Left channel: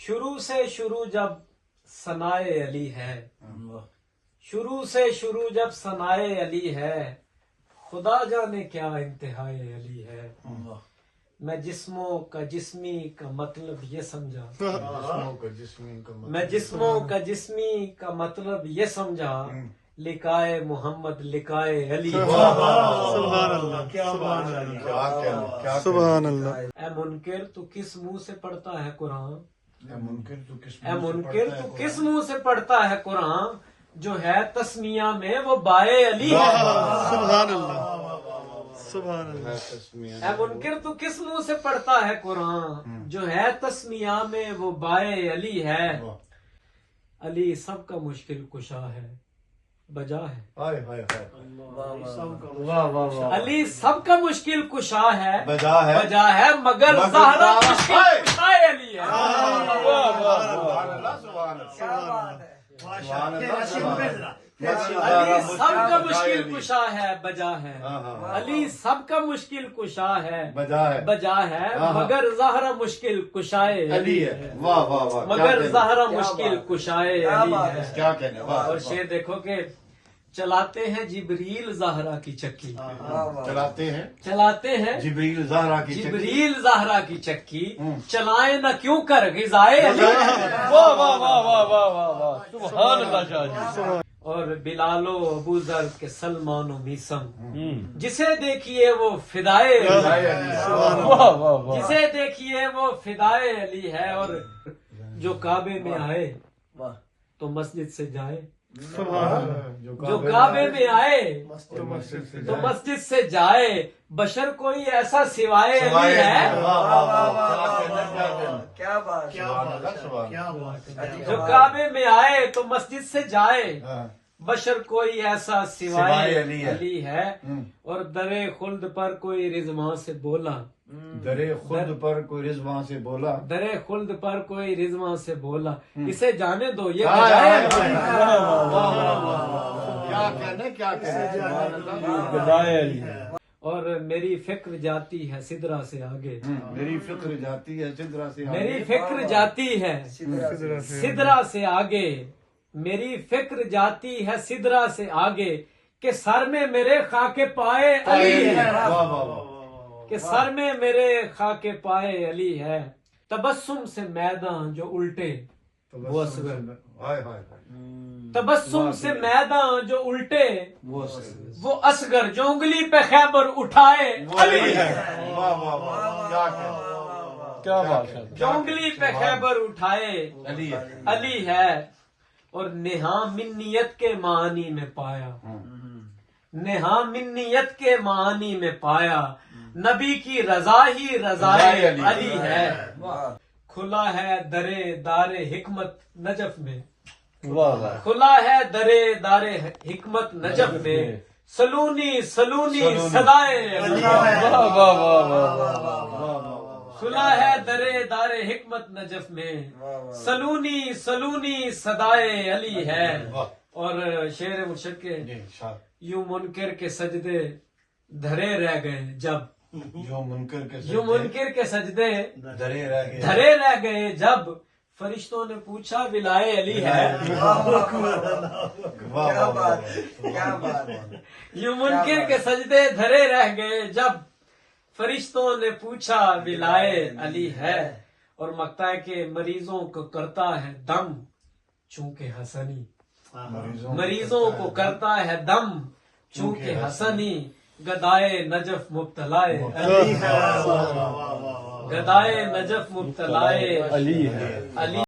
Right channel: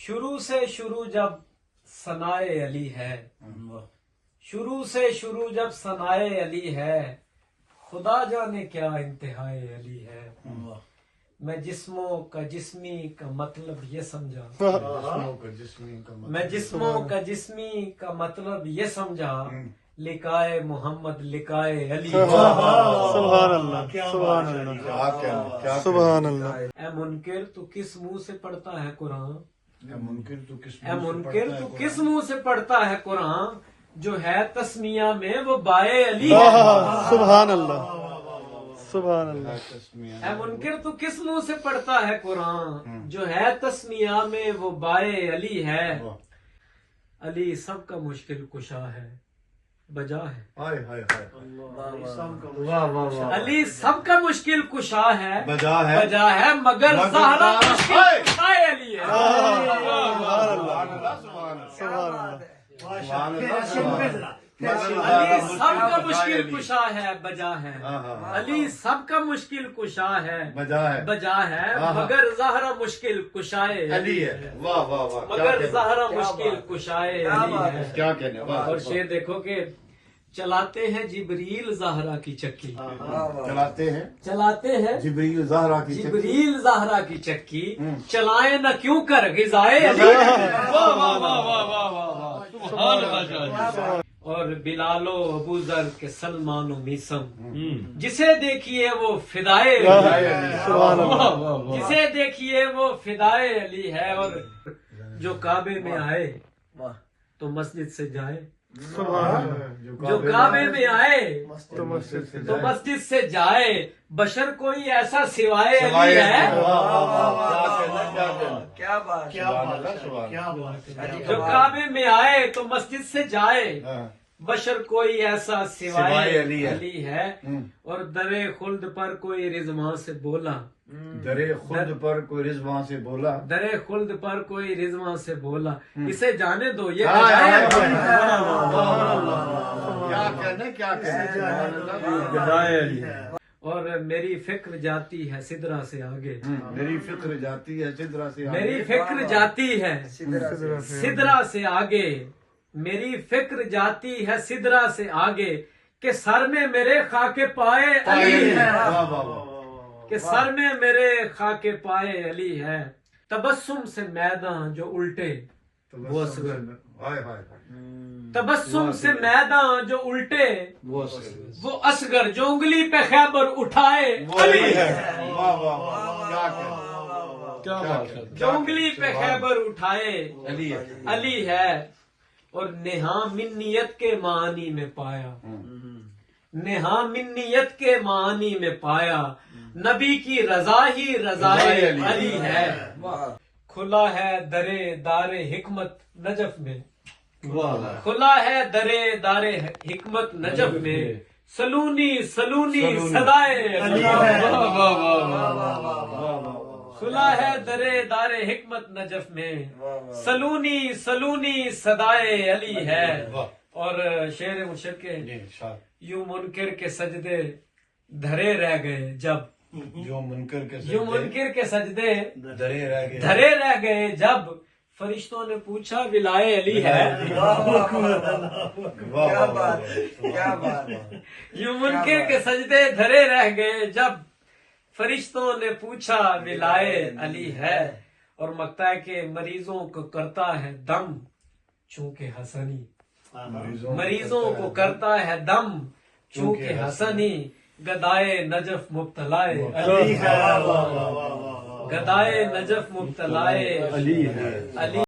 شروع سے شروع جب ثنائے علی ہے، شروع سے شروع جب ثنائے علی ہے، خدا جانے کیا انتہائے علی ہے۔ میں جسموں کا جسمی کا مطلب یہ سمجھا، میں جسموں کا جسمی کا مطلب یہ سمجھا، لکائے محمد لکائے علی۔ سبحان اللہ، سبحان اللہ، سبحان اللہ۔ اے منکر تو کس منہ سے پڑھتا ہے قرآن، اے منکر تو کس منہ سے پڑھتا ہے قرآن، جو ہے تسمیہ میں وہ بائے علی ہے۔ سبحان اللہ، سبحان اللہ۔ اے منکر تو کس منہ سے پڑھتا ہے قرآن، جو ہے تسمیہ میں وہ بائے علی ہے۔ علی سب کا مشکل کشا ہے، بجا ہے۔ علی سب کا مشکل کشا ہے، بجا ہے، مگر زہرا مشکل کشا علی ہے۔ علی سب کا مشکل کشا ہے، بجا ہے۔ علی سب کا مشکل کشا ہے، بجا ہے، مگر زہرا مشکل کشائے علی ہے۔ مگر زہرا مشکل کشائے علی ہے۔ کیا کہنے اور شعر دیکھو کہ چلاتے ہیں جبریل زہرا کی چکی، چلاتے ہیں جبریل زہرا کی جبریل زہرا کی چکی، چلائے نہ کیوں کر غذائے علی۔ اور بلال و ابو ذر کے سلمان و میسم، جسے دیکھیے وہ فدائے جسے دیکھیے وہ فدائے علی ہے۔ اور جو کعبے میں آئے تو مسجد سے جائے، جو کعبے میں آئے تو مسجد سے جائے، بشر کوئی ایسا سوائے علی ہے۔ جو کعبے میں آئے تو مسجد سے جائے، بشر کوئی ایسا سوائے علی ہے۔ اور در خلد پر کوئی رضوان سے بولا، در خلد پر کوئی رضوان سے بولا، در خلد پر کوئی رضوان سے بولا، اسے جانے دو یہ بجائے علی ہے۔ کیا کہنے اور میری فکر جاتی ہے سدرا سے آگے، میری فکر جاتی ہے سدرا سے آگے، میری فکر جاتی ہے سدرا سے آگے، میری فکر جاتی ہے سدرا سے آگے، کہ سر میں میرے خاک پائے علی ہے، کہ سر میں میرے خاک پائے علی ہے۔ تبسم سے میدان جو الٹے وہ اصغر، تبسم سے میدان جو الٹے وہ اصغر، جو انگلی پہ خیبر اٹھائے علی ہے، جو انگلی پہ خیبر اٹھائے علی ہے۔ اور نہا منیت کے معنی میں پایا، نہا منیت کے معنی میں پایا، نبی کی رضا ہی رضا علی ہے۔ کھلا ہے درے دار حکمت نجف میں، کھلا ہے درے دار حکمت نجف میں، سلونی سلونی صدائے علی ہے۔ کھلا ہے درے دار حکمت نجف میں، سلونی سلونی صدائے علی ہے۔ اور شعر مرشد کے، یوں منکر کے سجدے دھرے رہ گئے جب، جو منکر کے سجدے دھرے رہ گئے جب، فرشتوں نے پوچھا ولائے علی ہے۔ یوں منکر کے سجدے دھرے رہ گئے جب، فرشتوں نے پوچھا ولائے علی ہے۔ اور مکتا ہے کہ مریضوں کو کرتا ہے دم چونکہ حسنی، مریضوں کو کرتا ہے دم چونکہ حسنی، گدائے نجف مبتلائے علی ہے، گدائے نجف مبتلائے علی ہے۔